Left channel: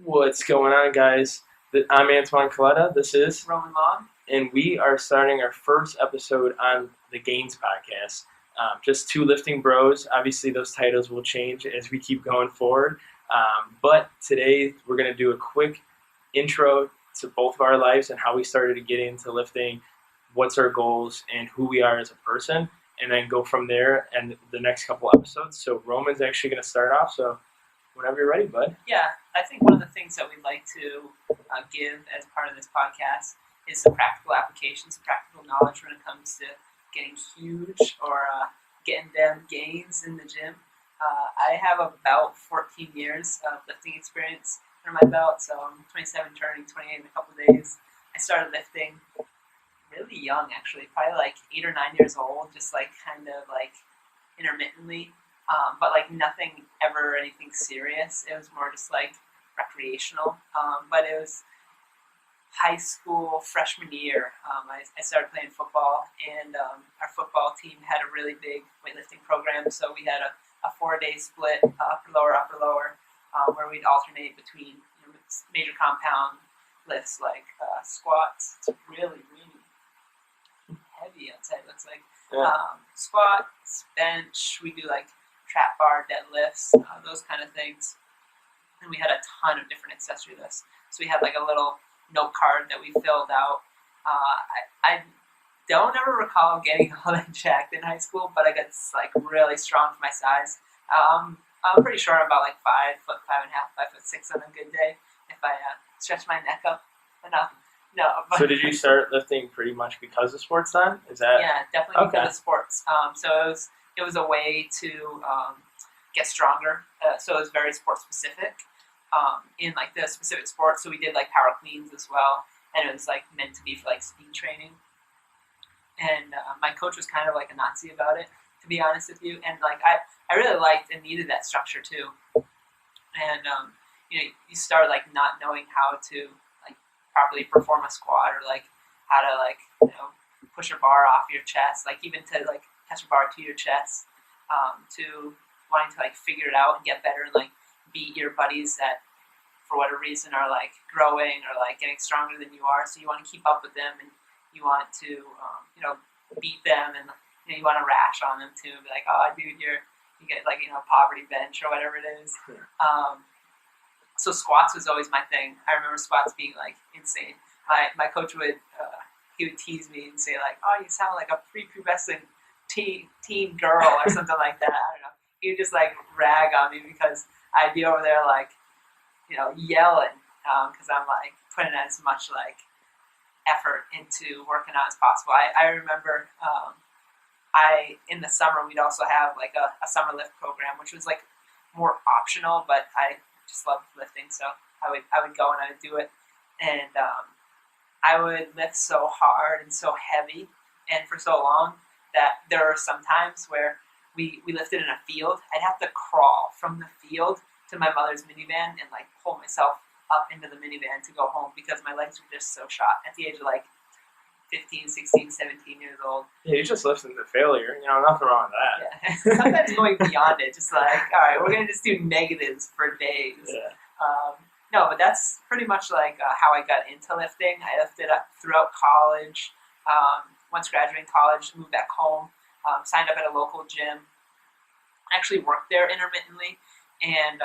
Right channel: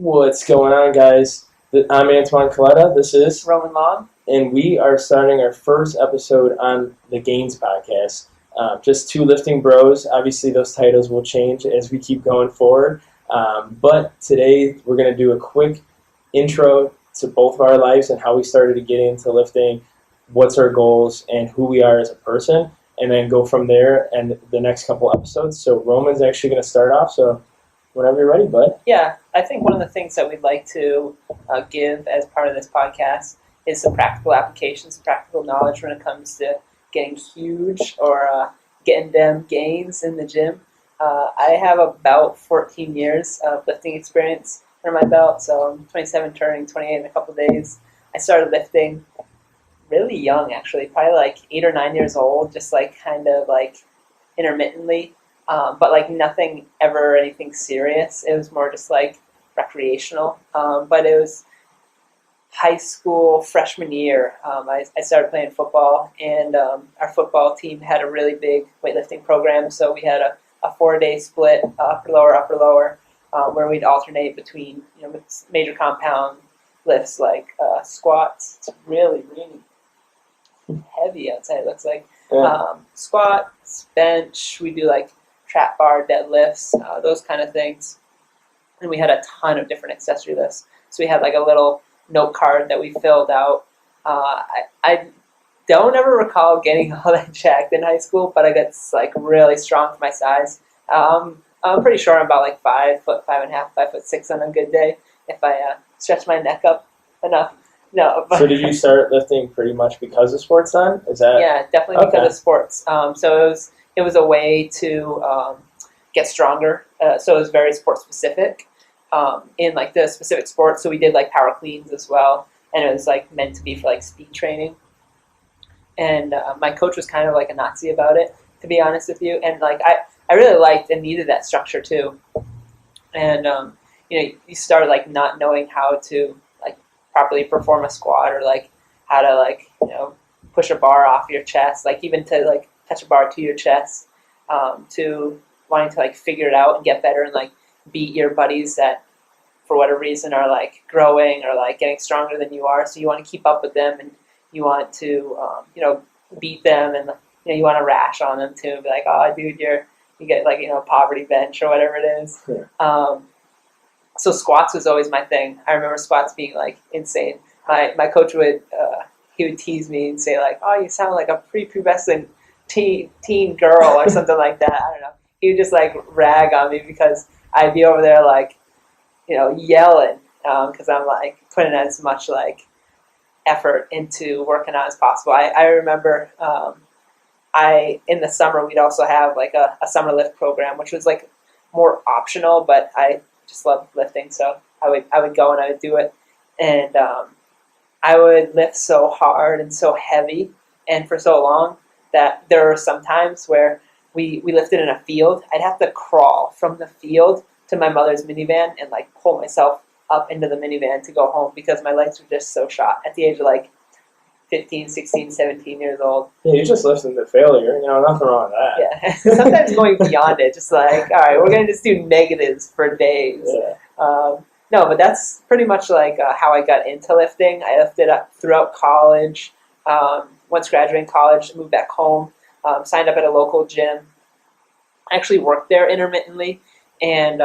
What's going on, guys? I'm Antoine Kaleta. This is Roman Long. And we are starting our first episode on the Gainz Podcast. Just two lifting bros. Obviously, those titles will change as we keep going forward. But today, we're going to do a quick intro to both of our lives and how we started to get into lifting, what's our goals, and who we are as a person, and then go from there and the next couple episodes. So Roman's actually going to start off. So whenever you're ready, bud. Yeah, I think one of the things that we'd like to give as part of this podcast is some practical applications, practical knowledge when it comes to getting huge or getting them gains in the gym. I have about 14 years of lifting experience under my belt, so I'm 27, turning 28 in a couple of days. I started lifting really young, actually, probably like 8 or 9 years old, just like kind of like intermittently. But like nothing ever, anything serious. It was more just like recreational. But it was high school freshman year. I started playing football, and our football team had a really big weightlifting program. So we had a 4-day split, upper lower, where we'd alternate between major compound lifts like squats. It's really heavy outside. It looks like squats, bench. We do like trap bar, deadlifts, those kind of things. And we had a ton of different accessory lifts. So we had like a little note card that we filled out. I don't ever recall getting all that jacked in high school, but I got like really strong for my size. I'm pretty sure I'm about like 5'5", 5'6" on a good day if I stretch my neck up enough. No. But So did you start lifting pretty much because of sports then? Is that? Yeah, definitely because Okay. of sports. So it was a way to get stronger. So it was very sport specific in like the specific sports. So we did like power cleans as well, and it was like meant to be for like speed training. And my coach was kind of like a Nazi about it, to be honest with you. And like I really liked and needed that structure too. And you start like not knowing how to like properly perform a squat, or like how to like push a bar off your chest, like even to like touch a bar to your chest, to wanting to like figure it out and get better and like beat your buddies that for whatever reason are like growing or like getting stronger than you are. So you want to keep up with them, and you want to beat them, and you want to rash on them too, be like, oh dude, you get like poverty bench or whatever it is. Sure. So squats was always my thing. I remember squats being like insane. My coach would he would tease me and say like, oh, you sound like a prepubescent teen girl or something like that. I don't know. He would just like rag on me because I'd be over there like yelling because I'm like putting as much like effort into working out as possible. I remember in the summer we'd also have like a summer lift program, which was like more optional, but I just loved lifting, so I would go and I would do it, and I would lift so hard and so heavy and for so long that there were some times where we lifted in a field. I'd have to crawl from the field to my mother's minivan and like pull myself up into the minivan to go home because my legs were just so shot at the age of like 15, 16, 17 years old. Yeah, you just listened to failure. Nothing wrong with that. Yeah. Sometimes going beyond it, just like, all right, we're going to just do negatives for days. Yeah. No, but that's pretty much like how I got into lifting. I lifted up throughout college. Once graduating college, moved back home, signed up at a local gym. I actually worked there intermittently, and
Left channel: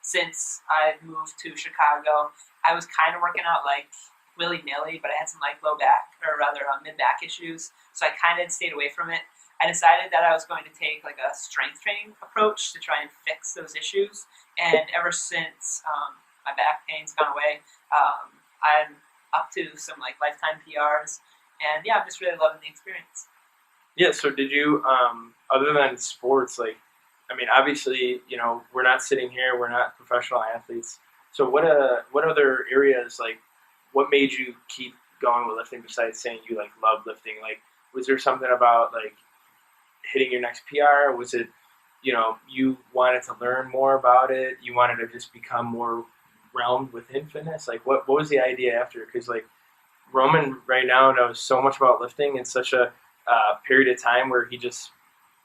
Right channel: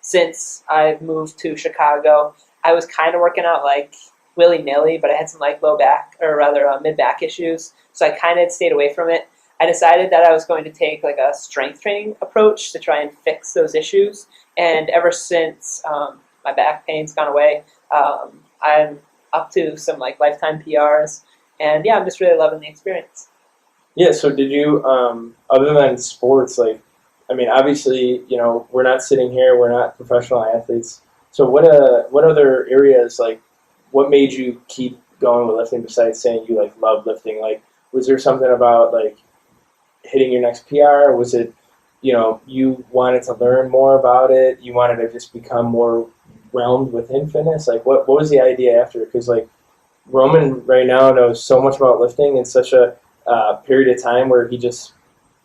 since I've moved to Chicago, I was kind of working out like willy-nilly, but I had some like low back, or rather mid-back issues, so I kind of stayed away from it. I decided that I was going to take like a strength training approach to try and fix those issues, and ever since my back pain's gone away, I'm up to some like lifetime PRs, and yeah, I'm just really loving the experience. Yeah, so did you, other than sports, obviously, we're not sitting here, we're not professional athletes, so what other areas, like, what made you keep going with lifting besides saying you, like, love lifting? Like, was there something about, like, hitting your next PR? Was it, you wanted to learn more about it? You wanted to just become more realmed within fitness? Like, what was the idea after? Because, like, Roman right now knows so much about lifting in such a period of time where he just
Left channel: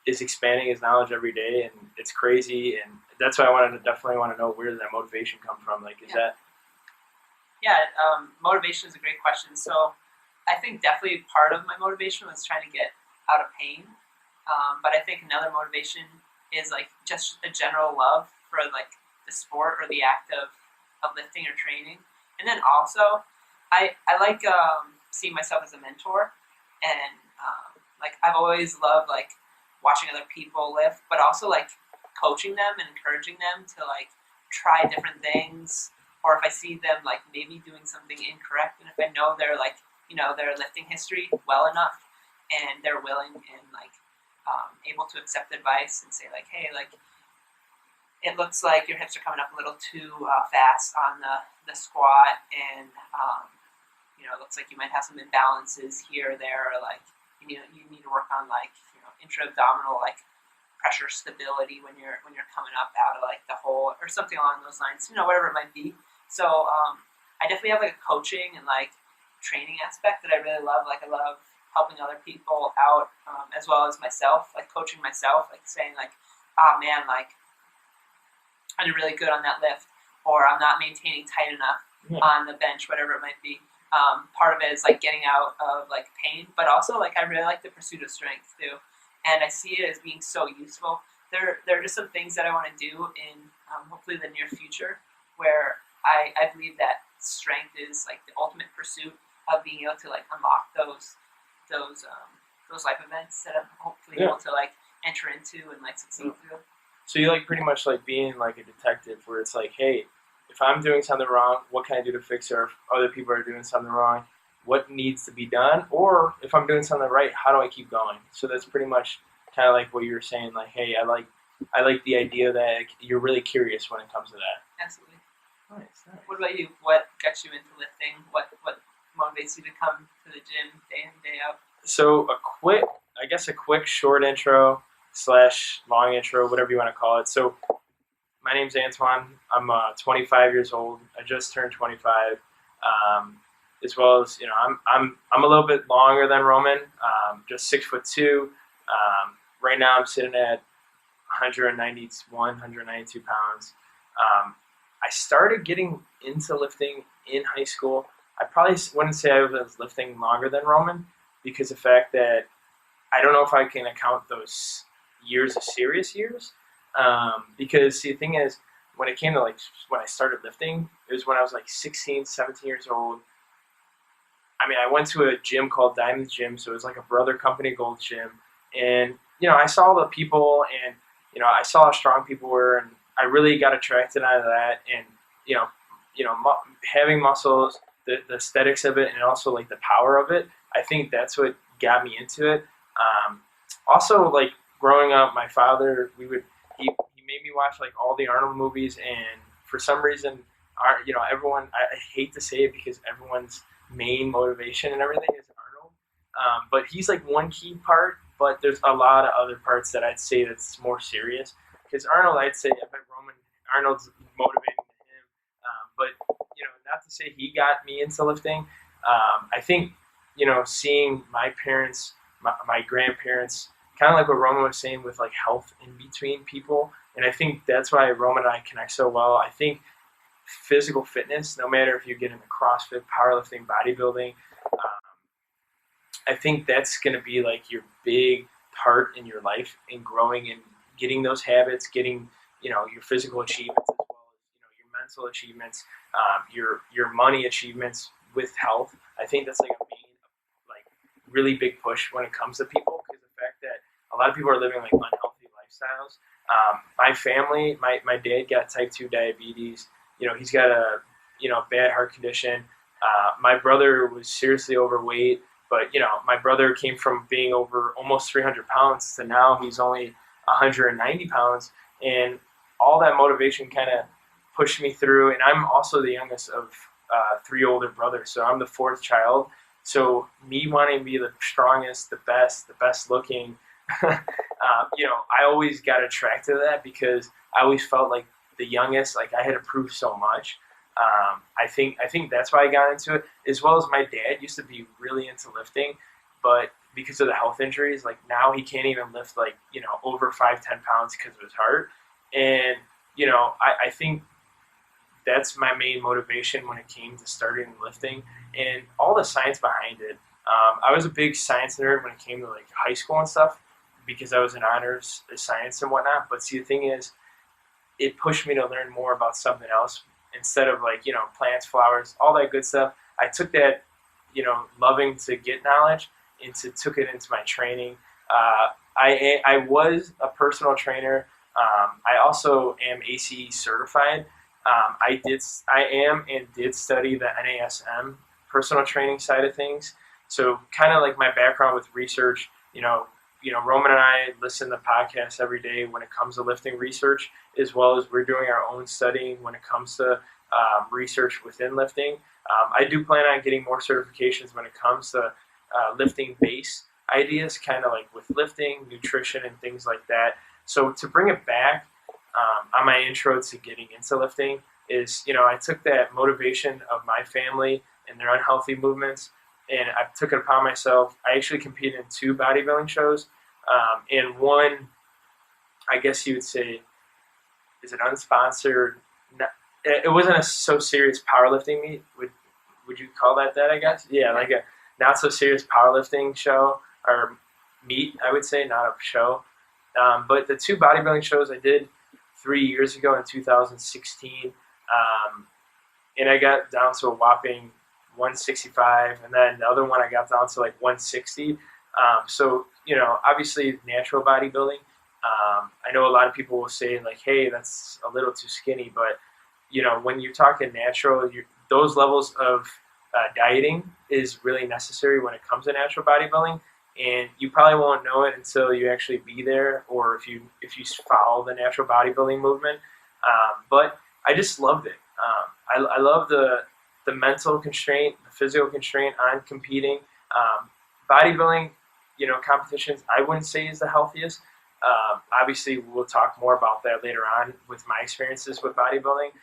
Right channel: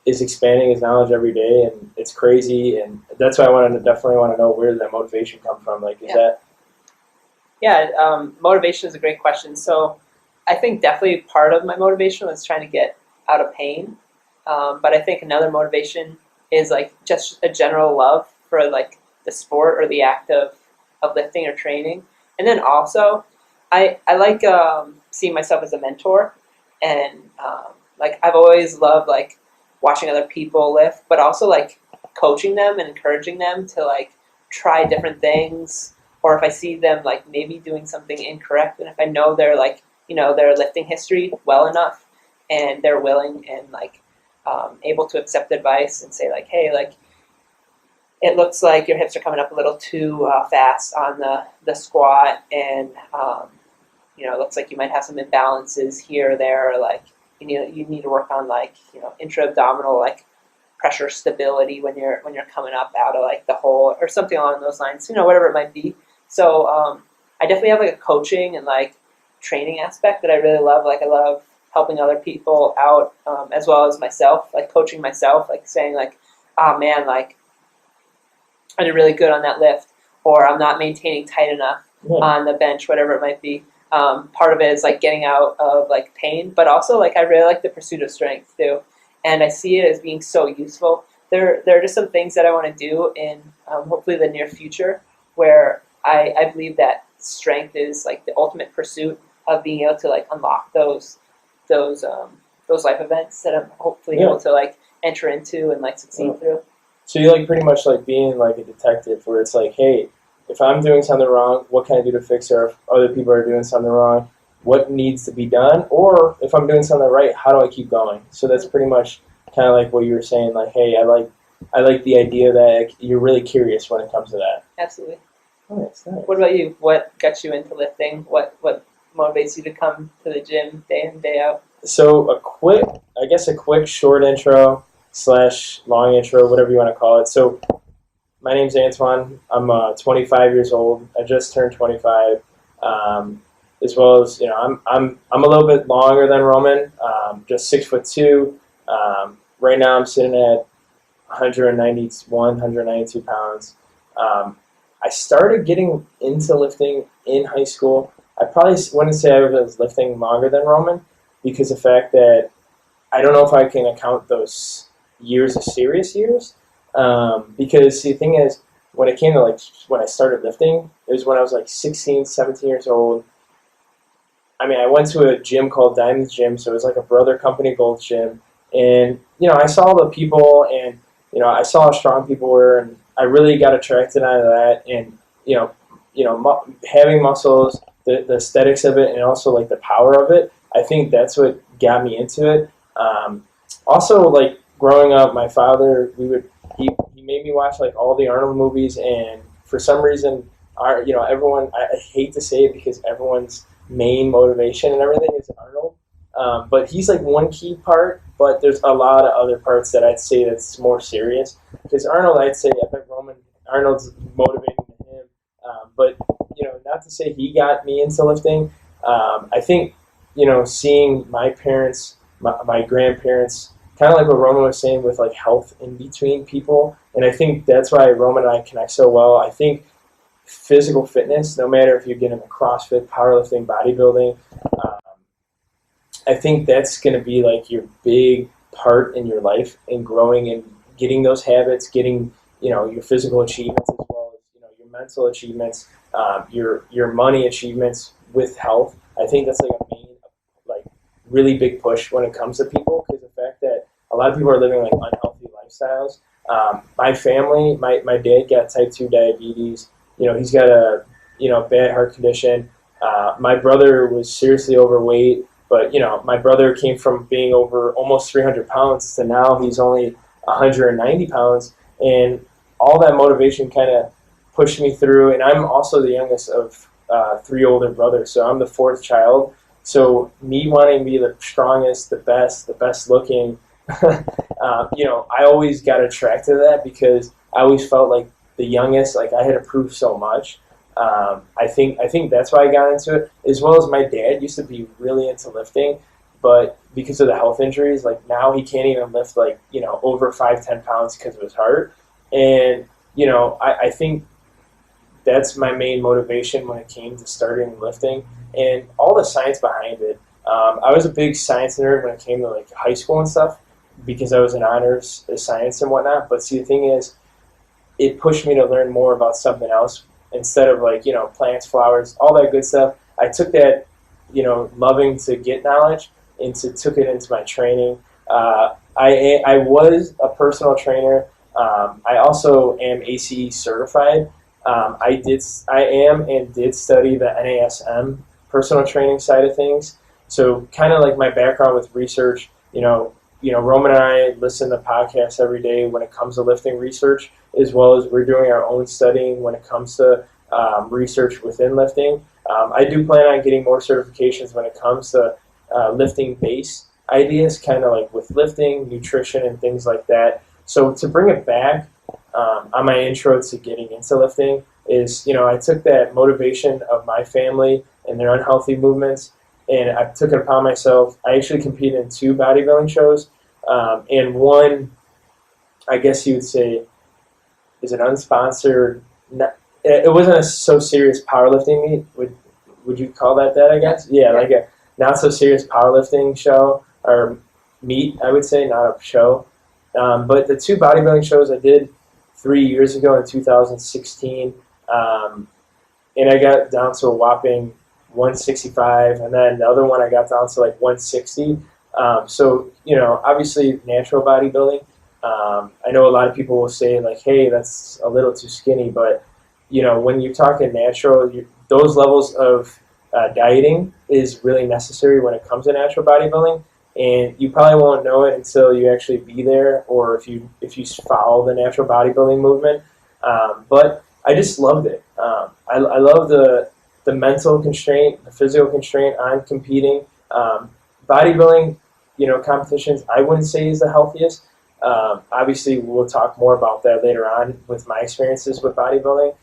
is expanding his knowledge every day, and it's crazy. And that's why I definitely want to know where did that motivation come from. Like, is that? Yeah, motivation is a great question. So I think definitely part of my motivation was trying to get out of pain. But I think another motivation is like just a general love for like the sport or the act of lifting or training. And then also I like seeing myself as a mentor, and like I've always loved like watching other people lift, but also like coaching them and encouraging them to like try different things, or if I see them like maybe doing something incorrect, and if I know their like their lifting history well enough, and they're willing and like able to accept advice and say like, hey, like it looks like your hips are coming up a little too fast on the squat, and it looks like you might have some imbalances here or there, or like you need to work on like intra-abdominal like pressure stability when you're coming up out of like the hole or something along those lines, whatever it might be. So I definitely have like a coaching and like training aspect that I really love. Like I love helping other people out, as well as myself, like coaching myself, like saying like, oh man, like I did really good on that lift, or I'm not maintaining tight enough on the bench, whatever it might be. Part of it is like getting out of like pain, but also like I really like the pursuit of strength too, and I see it as being so useful. There are just some things that I want to do in hopefully the near future, where I believe that strength is like the ultimate pursuit of being able to like unlock those life events that I'm hopefully able to like enter into and like succeed through. So you like pretty much like being like a detective, where it's like, hey, if I'm doing something wrong, what can I do to fix it? Or if other people are doing something wrong, what needs to be done? Or if I'm doing something right, how do I keep going? So that's pretty much kind of like what you were saying. Like, hey, I like the idea that you're really curious when it comes to that. Absolutely. Nice. What about you? What got you into lifting? What motivates you to come to the gym day in, day out? So a quick short intro / long intro, whatever you want to call it. So my name's Antoine. I'm 25 years old. I just turned 25. As well as I'm a little bit longer than Roman. Just 6'2". Right now I'm sitting at 192 pounds. I started getting into lifting in high school. I probably wouldn't say I was lifting longer than Roman, because the fact that I don't know if I can account those years as serious years. Because see, the thing is, when it came to like when I started lifting, it was when I was like 16, 17 years old. I mean, I went to a gym called Diamond's Gym, so it was like a brother company Gold Gym, and I saw the people, and I saw how strong people were, and I really got attracted onto that, and having muscles, the aesthetics of it, and also like the power of it. I think that's what got me into it. Also, like growing up, my father, he made me watch like all the Arnold movies, and for some reason, everyone, I hate to say it because everyone's main motivation and everything is Arnold, but he's like one key part, but there's a lot of other parts that I'd say that's more serious, because Arnold, I'd say, I bet Arnold's motivating to him, but not to say he got me into lifting. I think seeing my parents, my grandparents, kind of like what Roman was saying with like health in between people, and I think that's why Roman and I connect so well. I think physical fitness, no matter if you get into CrossFit, powerlifting, bodybuilding, I think that's going to be like your big part in your life in growing and getting those habits, getting your physical achievements as well as your mental achievements, your money achievements with health. I think that's like a main really big push when it comes to people, because the fact that a lot of people are living like unhealthy lifestyles. My family, my dad got type 2 diabetes. He's got a bad heart condition. My brother was seriously overweight, but my brother came from being over almost 300 pounds to now he's only 190 pounds, and all that motivation kind of pushed me through. And I'm also the youngest of 3 older brothers, so I'm the 4th child. So me wanting to be the strongest, the best looking, I always got attracted to that, because I always felt like the youngest, like I had to prove so much. I think that's why I got into it, as well as my dad used to be really into lifting, but because of the health injuries, like now he can't even lift like, over 5-10 pounds because of his heart. And, I think that's my main motivation when it came to starting lifting and all the science behind it. I was a big science nerd when it came to like high school and stuff because I was in honors science and whatnot. But see, the thing is, it pushed me to learn more about something else instead of like, plants, flowers, all that good stuff. I took that, loving to get knowledge and took it into my training. I was a personal trainer. I also am ACE certified. I am and did study the NASM personal training side of things. So kind of like my background with research, Roman and I listen to podcasts every day when it comes to lifting research, as well as we're doing our own studying when it comes to research within lifting. I do plan on getting more certifications when it comes to lifting base ideas, kind of like with lifting, nutrition, and things like that. So to bring it back on my intro to getting into lifting is, I took that motivation of my family and their unhealthy movements, and I took it upon myself. I actually competed in 2 bodybuilding shows, and one, I guess you would say, is an unsponsored. It wasn't a so serious powerlifting meet. Would you call that? I guess. Yeah, like a not so serious powerlifting show or meet. I would say, not a show. But the 2 bodybuilding shows I did 3 years ago in 2016, and I got down to a whopping 165, and then the other one I got down to like 160. So, obviously natural bodybuilding. I know a lot of people will say like, hey, that's a little too skinny, but, when you're talking natural, those levels of dieting is really necessary when it comes to natural bodybuilding. And you probably won't know it until you actually be there, or if you follow the natural bodybuilding movement. But I just loved it. I love the mental constraint, the physical constraint on competing. Bodybuilding, competitions, I wouldn't say is the healthiest. Obviously, we'll talk more about that later on with my experiences with bodybuilding.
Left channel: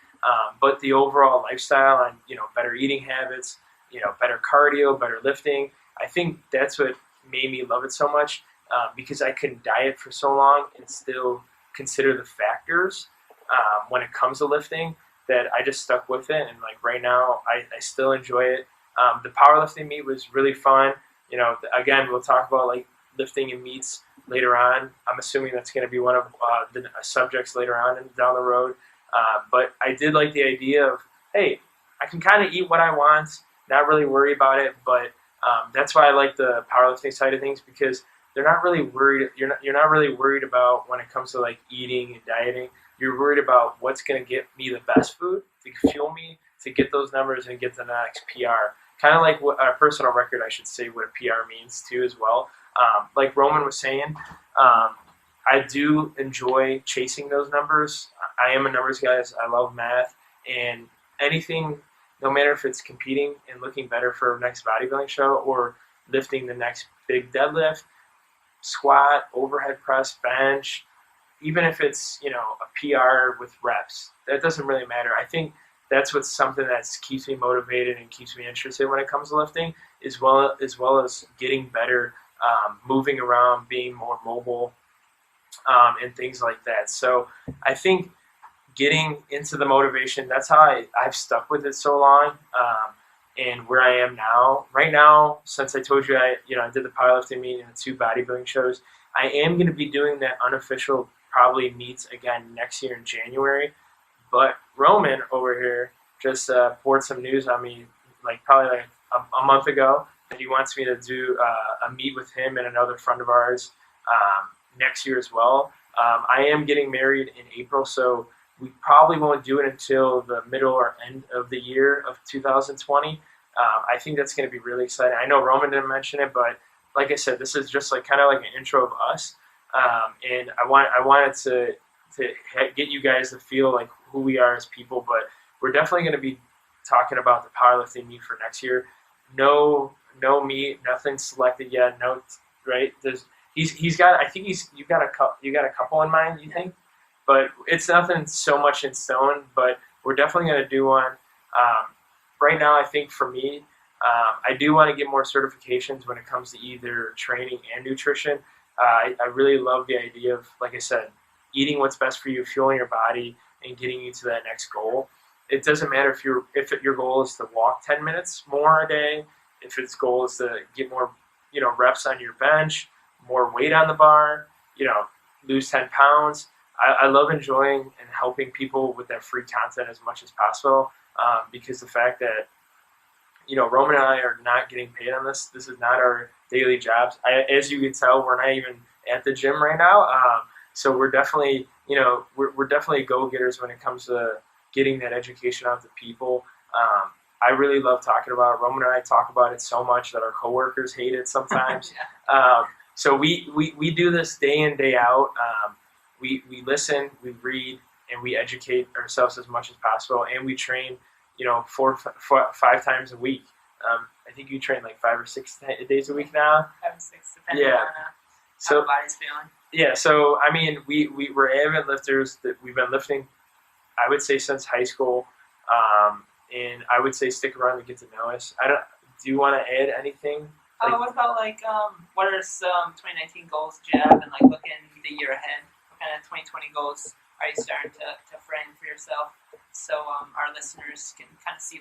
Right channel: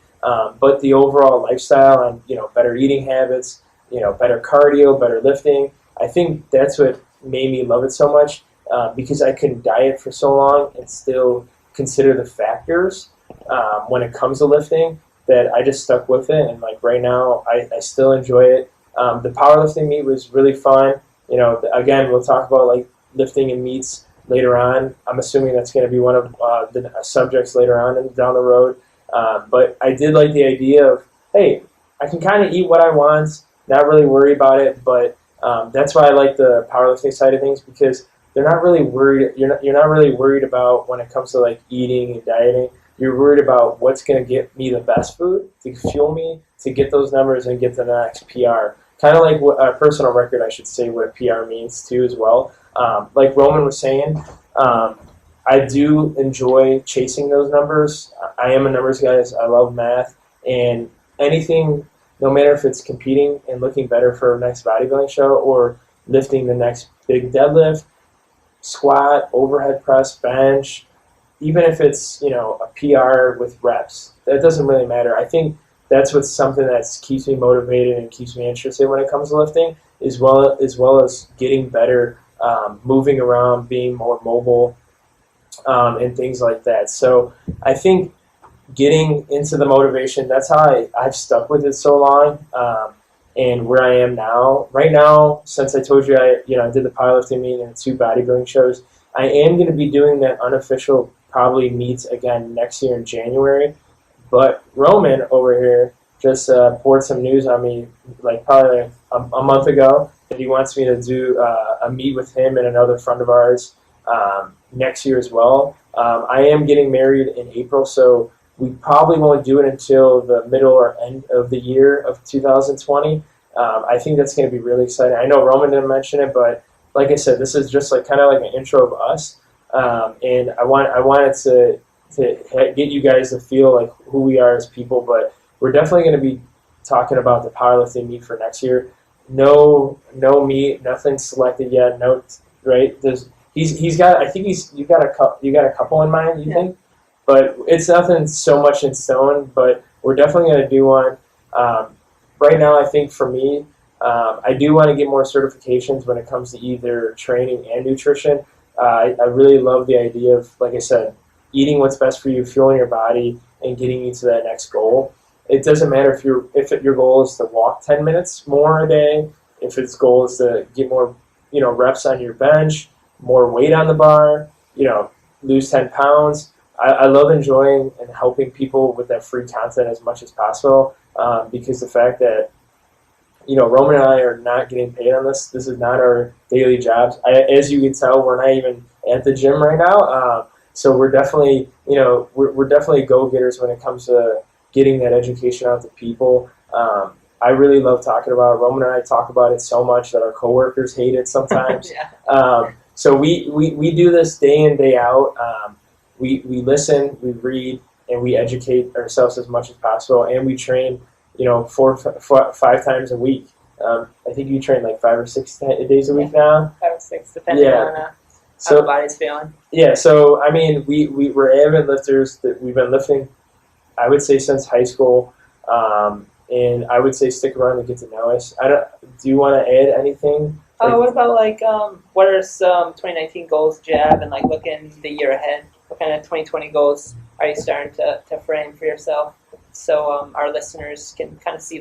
But the overall lifestyle and, better eating habits, better cardio, better lifting, I think that's what made me love it so much, because I couldn't diet for so long and still consider the factors when it comes to lifting, that I just stuck with it. And like right now, I still enjoy it. The powerlifting meet was really fun. Again, we'll talk about like lifting and meets later on. I'm assuming that's going to be one of the subjects later on and down the road. But I did like the idea of, hey, I can kind of eat what I want, not really worry about it. But that's why I like the powerlifting side of things, because they're not really worried. You're not really worried about when it comes to like eating and dieting. You're worried about what's going to get me the best food to fuel me to get those numbers and get to the next PR. Kind of like what a personal record, I should say, what a PR means too as well. Like Roman was saying, I do enjoy chasing those numbers. I am a numbers guy. I love math, and anything, no matter if it's competing and looking better for a next bodybuilding show or lifting the next big deadlift, squat, overhead press, bench, even if it's, a PR with reps, that doesn't really matter. I think that's what's something that keeps me motivated and keeps me interested when it comes to lifting, as well as getting better, moving around, being more mobile, and things like that. So I think getting into the motivation, that's how I've stuck with it so long, and where I am now. Right now, since I told you I did the powerlifting meet and the 2 bodybuilding shows, I am going to be doing that unofficial probably meets again next year in January. But Roman over here just poured some news on me, like probably a month ago, that he wants me to do a meet with him and another friend of ours next year as well. I am getting married in April, so we probably won't do it until the middle or end of the year of 2020. I think that's going to be really exciting. I know Roman didn't mention it, but like I said, this is just like kind of like an intro of us, and I wanted to get you guys to feel like who we are as people. But we're definitely going to be talking about the powerlifting meet for next year. No meet, nothing selected yet. No, right? He's got. I think you got a couple in mind. You think? But it's nothing so much in stone. But we're definitely going to do one. Right now, I think for me, I do want to get more certifications when it comes to either training and nutrition. I really love the idea of, like I said, eating what's best for you, fueling your body, and getting you to that next goal. It doesn't matter if your goal is to walk 10 minutes more a day, if its goal is to get more, reps on your bench, more weight on the bar, lose 10 pounds. I love enjoying and helping people with that free content as much as possible, because the fact that, Roman and I are not getting paid on this. This is not our daily jobs. As you can tell, we're not even at the gym right now. So we're definitely, we're definitely go-getters when it comes to getting that education out to people. I really love talking about it. Roman and I talk about it so much that our coworkers hate it sometimes. Yeah. So we do this day in, day out. We listen, we read, and we educate ourselves as much as possible, and we train, 5 times a week. I think you train like 5 or 6 days a week now. 5 or 6, depending on how the body's feeling. Yeah, so I mean, we're avid lifters. That we've been lifting, I would say, since high school, and I would say stick around to get to know us. Do you want to add anything? What about what are some 2019 goals do you have, and looking the year ahead? What kind of 2020 goals are you starting to frame for yourself, so our listeners can kind of see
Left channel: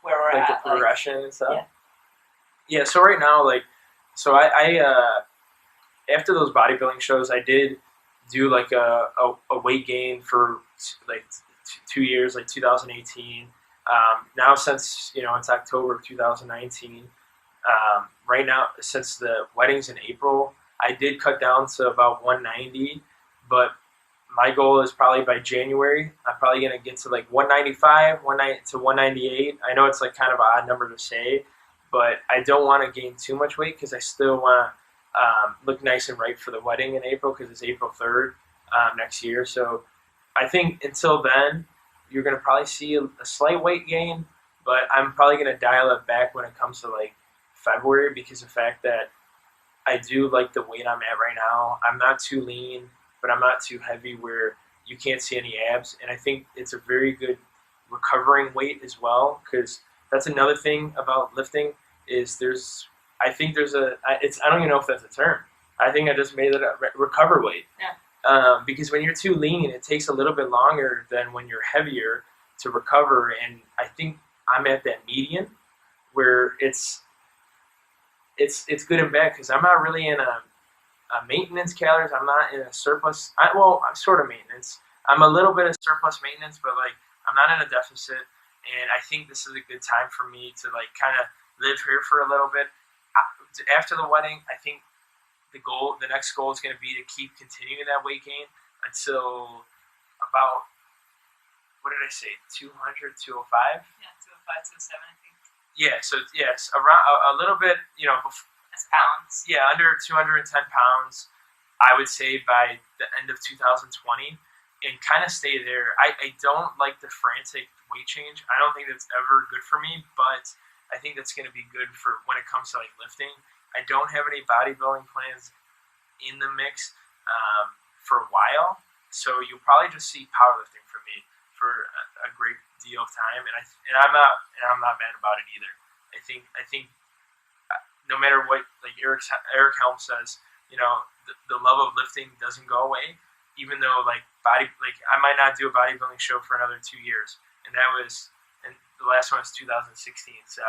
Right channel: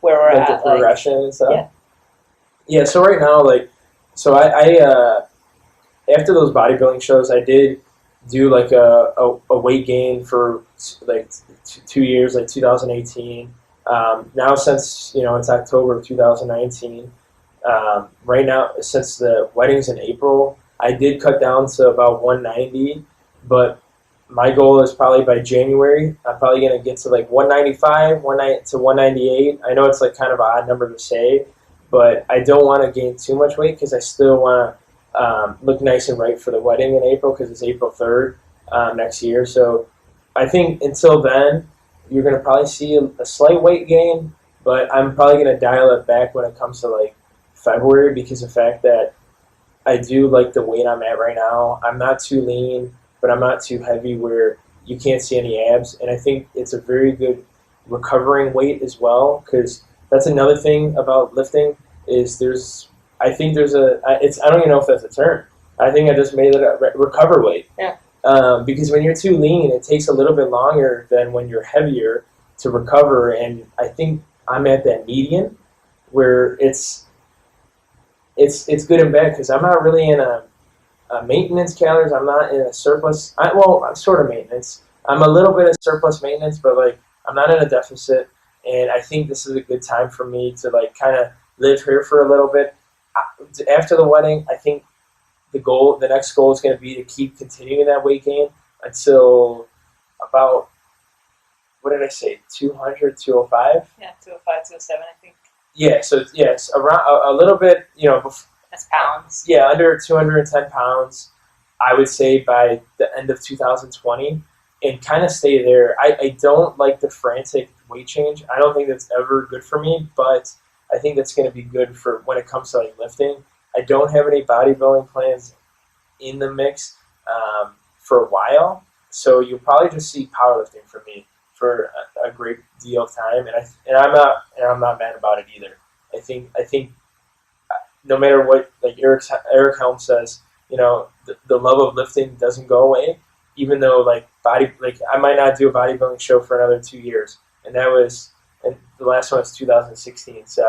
where we're at, the progression and stuff? Yeah. Yeah. So right now, I after those bodybuilding shows, I did do a weight gain for 2 years, 2018. Now since it's October of 2019. Right now, since the wedding's in April, I did cut down to about 190, but my goal is probably by January, I'm probably going to get to 195, 190 to 198. I know it's kind of an odd number to say, but I don't want to gain too much weight because I still want to look nice and right for the wedding in April, because it's April 3rd next year. So I think until then, you're going to probably see a slight weight gain, but I'm probably going to dial it back when it comes to February, because of the fact that I do like the weight I'm at right now. I'm not too lean, but I'm not too heavy where you can't see any abs. And I think it's a very good recovering weight as well, because that's another thing about lifting is I don't even know if that's a term. I think I just made it up, recover weight. Yeah. Because when you're too lean, it takes a little bit longer than when you're heavier to recover. And I think I'm at that median where it's good and bad, because I'm not really in a maintenance calories. I'm not in a surplus. I'm sort of maintenance. I'm a little bit of surplus maintenance, but I'm not in a deficit. And I think this is a good time for me to kind of live here for a little bit. After the wedding, I think the next goal is going to be to keep continuing that weight gain until about, what did I say, 200, 205? Yeah, 205, 207, I think. Yeah, so yes, around a little bit, That's pounds. Yeah, under 210 pounds, I would say by the end of 2020, and kind of stay there. I don't like the frantic weight change. I don't think that's ever good for me, but I think that's going to be good for when it comes to lifting. I don't have any bodybuilding plans in the mix for a while, so you'll probably just see powerlifting from me for a great deal of time, and I'm not mad about it either. I think no matter what, Eric Helms says, the love of lifting doesn't go away, even though I might not do a bodybuilding show for another 2 years, and the last one was 2016. So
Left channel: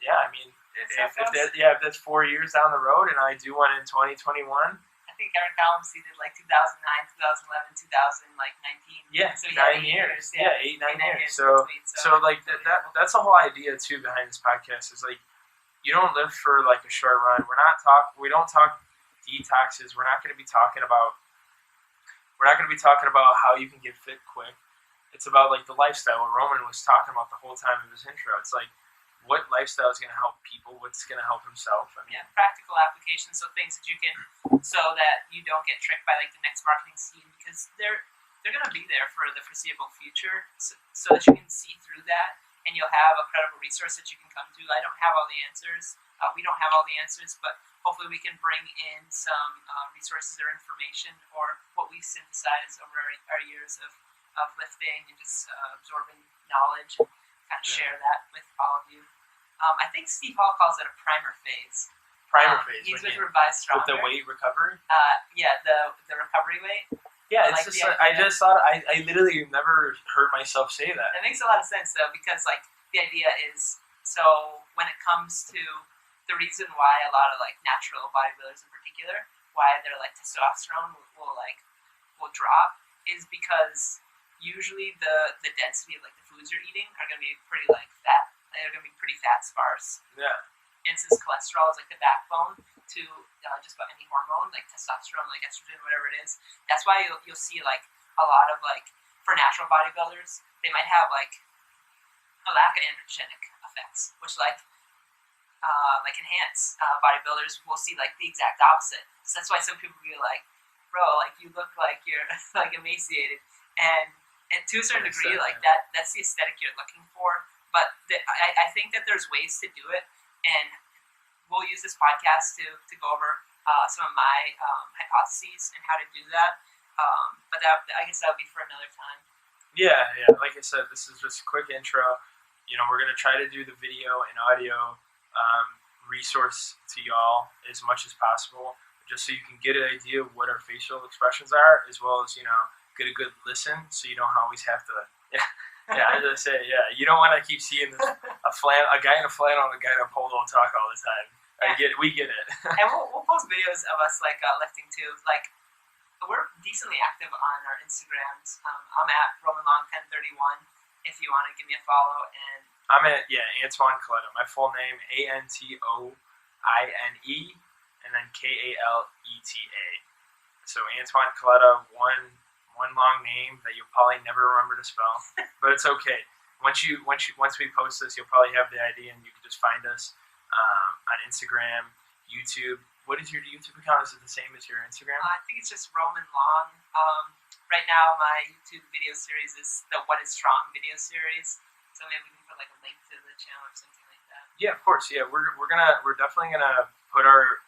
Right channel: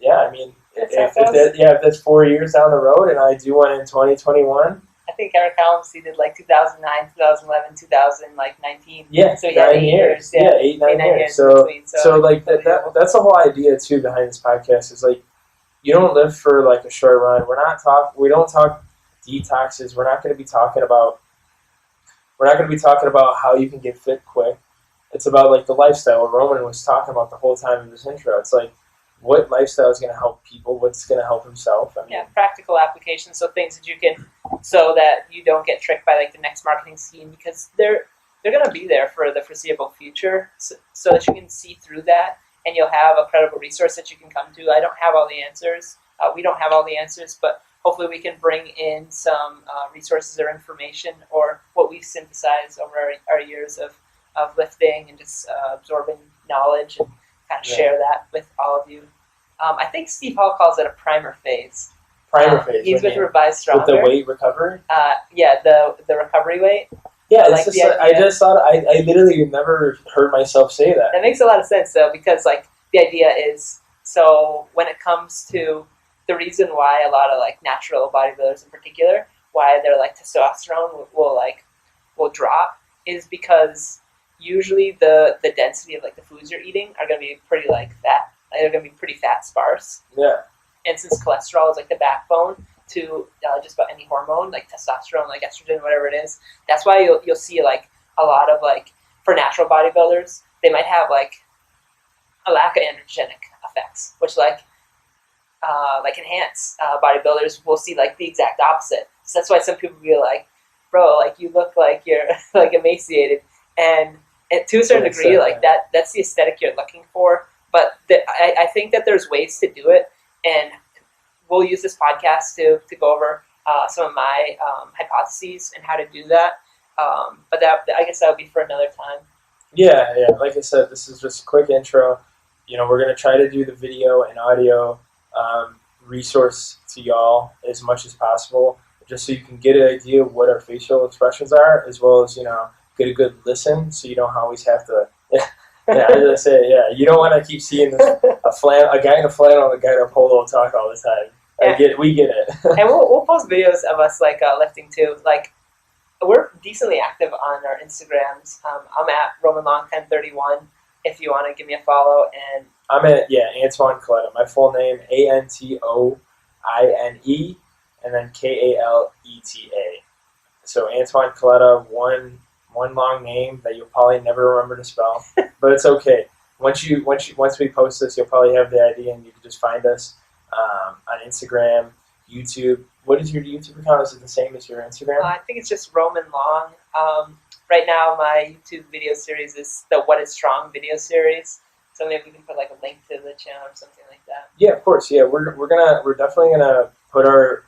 yeah, I mean, if that's 4 years down the road, and I do one in 2021. I think Eric Helms, he did 2009, 2011, 2019. Yeah, so 9 years. Yeah, 8-9 years. So that's the whole idea too behind this podcast is you don't live for a short run. We don't talk detoxes. We're not going to be talking about how you can get fit quick. It's about the lifestyle. What Roman was talking about the whole time in this intro. It's what lifestyle is going to help people, what's going to help himself. Practical applications, so things that you can, so that you don't get tricked by the next marketing scheme, because they're going to be there for the foreseeable future, so that you can see through that, and you'll have a credible resource that you can come to. I don't have all the answers. We don't have all the answers, but hopefully we can bring in some resources or information, or what we've synthesized over our years of lifting and just absorbing knowledge, and kind of share that with all of you. I think Steve Hall calls it a primer phase. Primer phase. He's with Revised Stronger. With the weight recovery? Yeah, the recovery weight. Yeah, it's just I just thought I literally never heard myself say that. That makes a lot of sense though, because like the idea is, so when it comes to the reason why a lot of like natural bodybuilders in particular, why their like testosterone will drop, is because usually the density of like the foods you're eating are going to be pretty like fat. They're going to be pretty fat sparse. Yeah. And since cholesterol is like the backbone to just about any hormone, like testosterone, like estrogen, whatever it is, that's why you'll see like a lot of like, for natural bodybuilders, they might have like a lack of androgenic effects, which like enhance bodybuilders will see like the exact opposite. So that's why some people be like, bro, like you look like you're like emaciated, and to a certain degree, like that's the aesthetic you're looking for. But I think that there's ways to do it, and we'll use this podcast to go over some of my hypotheses and how to do that. But I guess that would be for another time. Yeah. Like I said, this is just a quick intro. We're going to try to do the video and audio resource to y'all as much as possible, just so you can get an idea of what our facial expressions are, as well as, get a good listen, so you don't always have to, as I say, you don't want to keep seeing a guy in a flannel and a guy in a polo talk all the time. We get it. And we'll post videos of us, like, lifting too. Like, we're decently active on our Instagrams. I'm at RomanLong1031 if you want to give me a follow, and I'm at Antoine Kaleta. My full name Antoine, and then Kaleta. So Antoine Kaleta, one long name that you'll probably never remember to spell, but it's okay. Once we post this, you'll probably have the idea, and you can just find us on Instagram, YouTube. What is your YouTube account? Is it the same as your Instagram? I think it's just Roman Long. Right now, my YouTube video series is the What is Strong video series. So maybe we can put like a link to the channel or something like that. Yeah, of course. Yeah, we're definitely gonna put our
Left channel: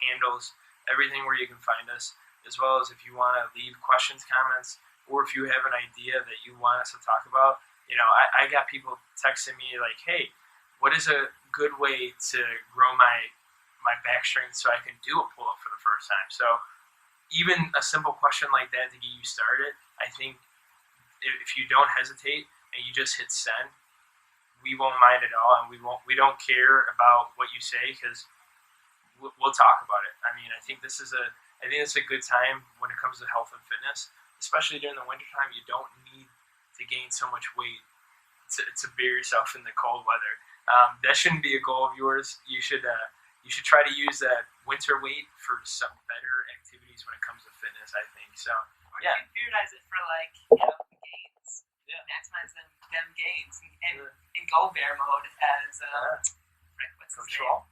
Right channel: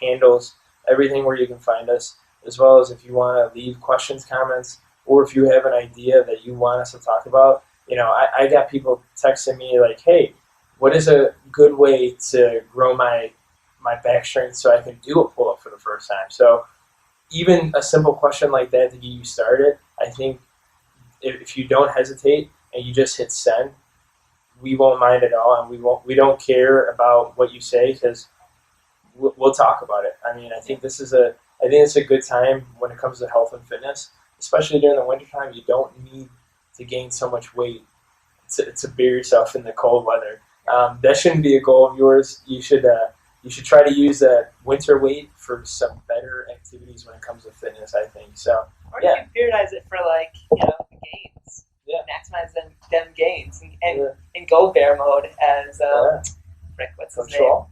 handles, everything where you can find us, as well as if you want to leave questions, comments, or if you have an idea that you want us to talk about. I got people texting me like, hey, what is a good way to grow my back strength so I can do a pull-up for the first time? So even a simple question like that to get you started, I think if you don't hesitate and you just hit send, we won't mind at all, and we don't care about what you say, because we'll talk about it. I mean, I think it's a good time when it comes to health and fitness, especially during the wintertime. You don't need to gain so much weight to bear yourself in the cold weather. That shouldn't be a goal of yours. You should try to use that winter weight for some better activities when it comes to fitness, I think. So, or you can periodize it for the gains. Yeah. Maximize them gains and go bear mode as what's his name?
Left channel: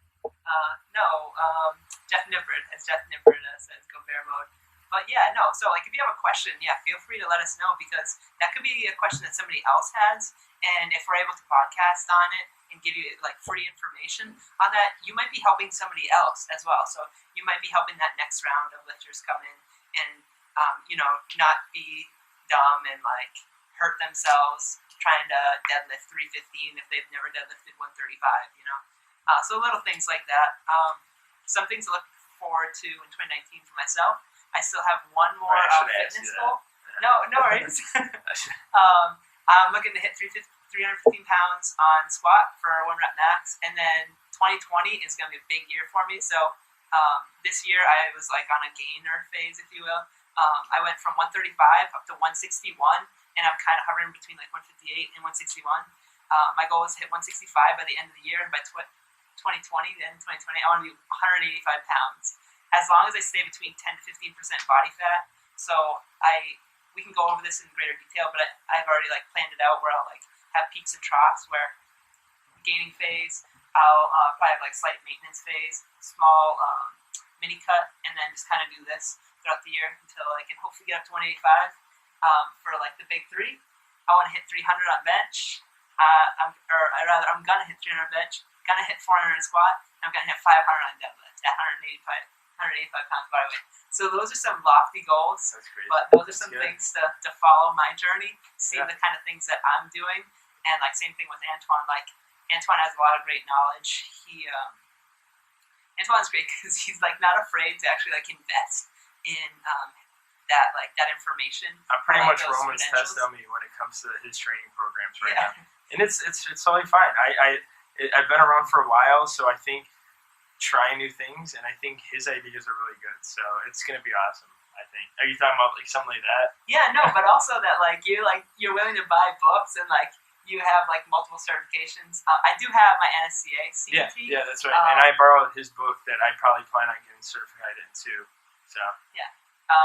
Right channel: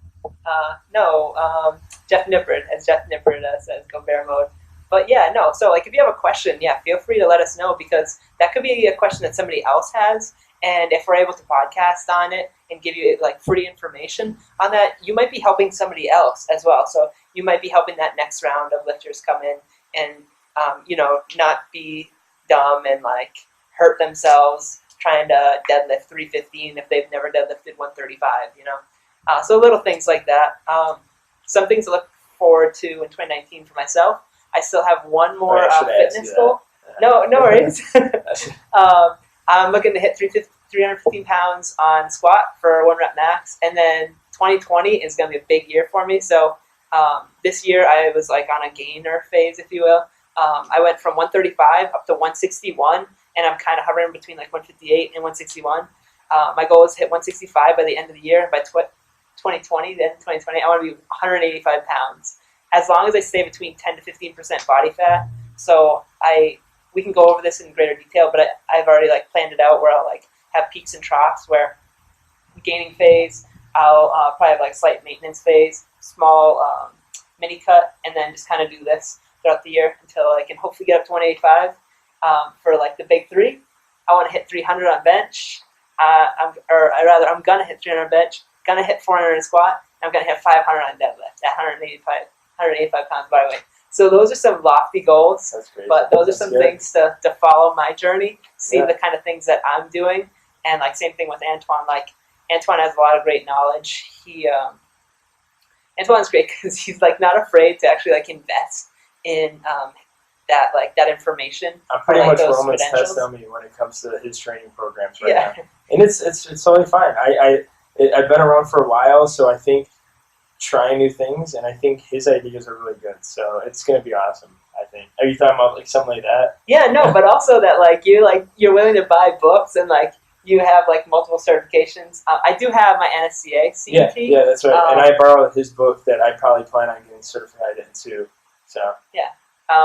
Jeff Nippard, as Jeff Nippard says, go bear mode. But so like if you have a question, feel free to let us know, because that could be a question that somebody else has, and if we're able to podcast on it and give you like free information on that, you might be helping somebody else as well. So you might be helping that next round of lifters come in and not be dumb and like hurt themselves trying to deadlift 315 if they've never deadlifted 135. So little things like that. Some things to look forward to in 2019 for myself. I still have one more fitness goal. No worries. I'm looking to hit 315 pounds on squat for 1 rep max, and then 2020 is going to be a big year for me. So this year I was like on a gainer phase, if you will. I went from 135 up to 161, and I'm kind of hovering between like 158 and 161. My goal is to hit 165 by the end of the year, and by 2020, I want to be 185 pounds. As long as I stay between 10 to 15% body fat. So we can go over this in greater detail, but I've already like planned it out where I'll like have peaks and troughs, where gaining phase, I'll probably have like slight maintenance phase, small mini cut, and then just kind of do this throughout the year until I can hopefully get up to 185 for like the big three. I want to hit 300 on bench. I'm going to hit 300 on bench, going to hit 400 in squat, and I'm going to hit 500 on deadlift at 185 pounds body weight. So those are some lofty goals. That's great. But those are some things to follow my journey, see the kind of things that I'm doing. And like same thing with Antoine. Like Antoine has a lot of great knowledge. Antoine's great because he's like not afraid to actually like invest in that information. I'm pretty like, much those Roman's test credentials. dummy when it comes to his training programs now, and it's totally fine. I've been around for a while, so I think trying new things, and I think his ideas are really good. So it's gonna be awesome. I think. Are you talking about like something like that? Yeah, no, but also that you're willing to buy books and like you have like multiple certifications. I do have my NSCA CET. Yeah, that's right. And I borrowed his book that I probably plan on getting certified in too. So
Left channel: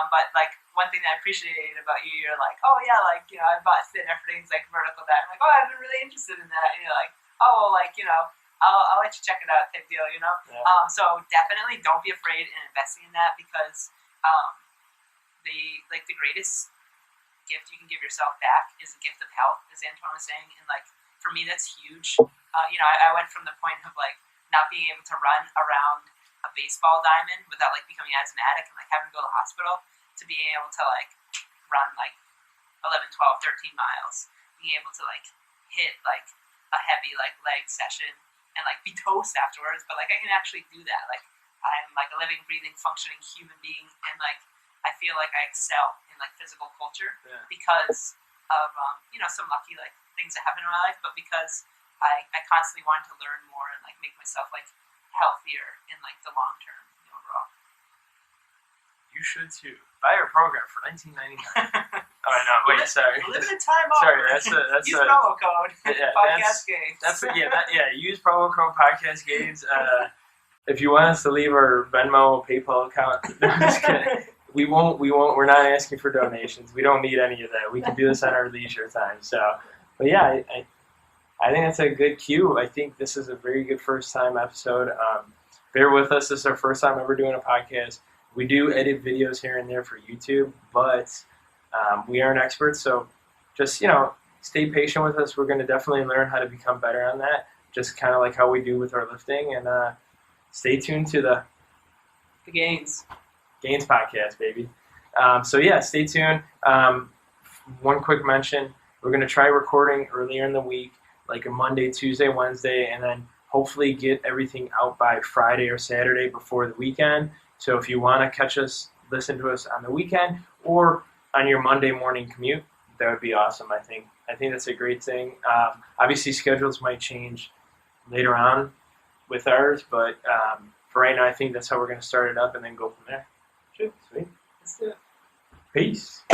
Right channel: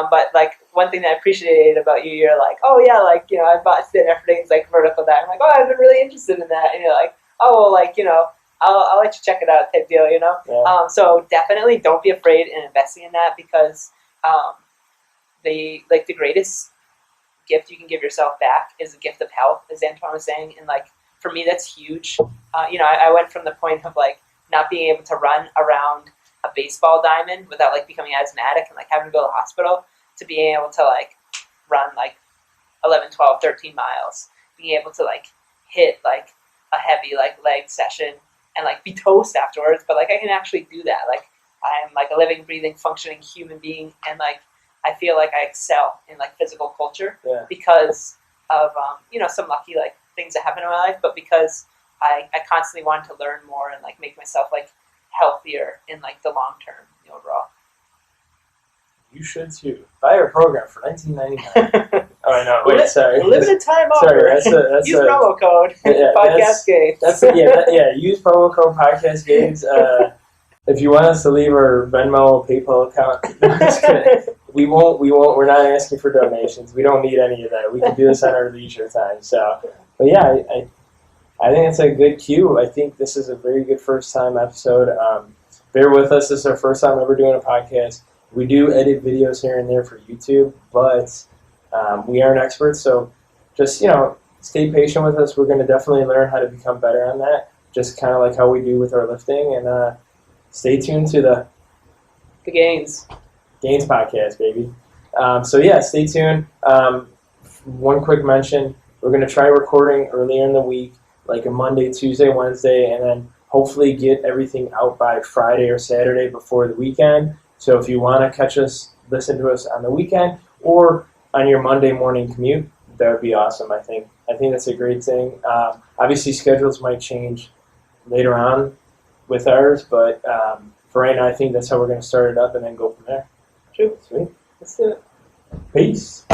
but like one thing that I appreciated about you, you're like, oh yeah, like I bought thin everything's like vertical dive. I'm like, oh, I've been really interested in that, and you're like, oh, well, like I'll let you check it out type deal, Yeah. So definitely don't be afraid in investing in that because the greatest gift you can give yourself back is the gift of health, as Antoine was saying, and like for me that's huge. I went from the point of like not being able to run around a baseball diamond without like becoming asthmatic and like having to go to the hospital to being able to like run like 11, 12, 13 miles, being able to like hit like a heavy like leg session and like be toast afterwards, but like I can actually do that. Like I'm like a living, breathing, functioning human being, and like I feel like I excel in like physical culture because of some lucky like things that happen in my life, but because I constantly wanted to learn more and like make myself like healthier in like the long term overall. You should too. Buy our program for $19.99. Oh, I know. Wait, sorry. Limited time offer. Sorry, that's use promo code Podcast Gainz. Use promo code Podcast Gainz. If you want us to leave our Venmo, PayPal account, no, I'm just kidding. We won't. We're not asking for donations. We don't need any of that. We can do this on our leisure time. So, but yeah, I think it's a good cue. I think this is a very good first time episode. Bear with us. This is our first time ever doing a podcast. We do edit videos here and there for YouTube, but we aren't experts. So just, stay patient with us. We're going to definitely learn how to become better on that, just kind of like how we do with our lifting. And stay tuned to the Gainz Podcast, baby. Stay tuned. One quick mention, we're going to try recording earlier in the week, like a Monday, Tuesday, Wednesday, and then hopefully get everything out by Friday or Saturday before the weekend. So if you want to catch us, listen to us on the weekend or on your Monday morning commute, that would be awesome, I think. I think that's a great thing. Obviously, schedules might change later on with ours, but for right now, I think that's how we're going to start it up and then go from there. True. Sweet. Let's do it. Peace.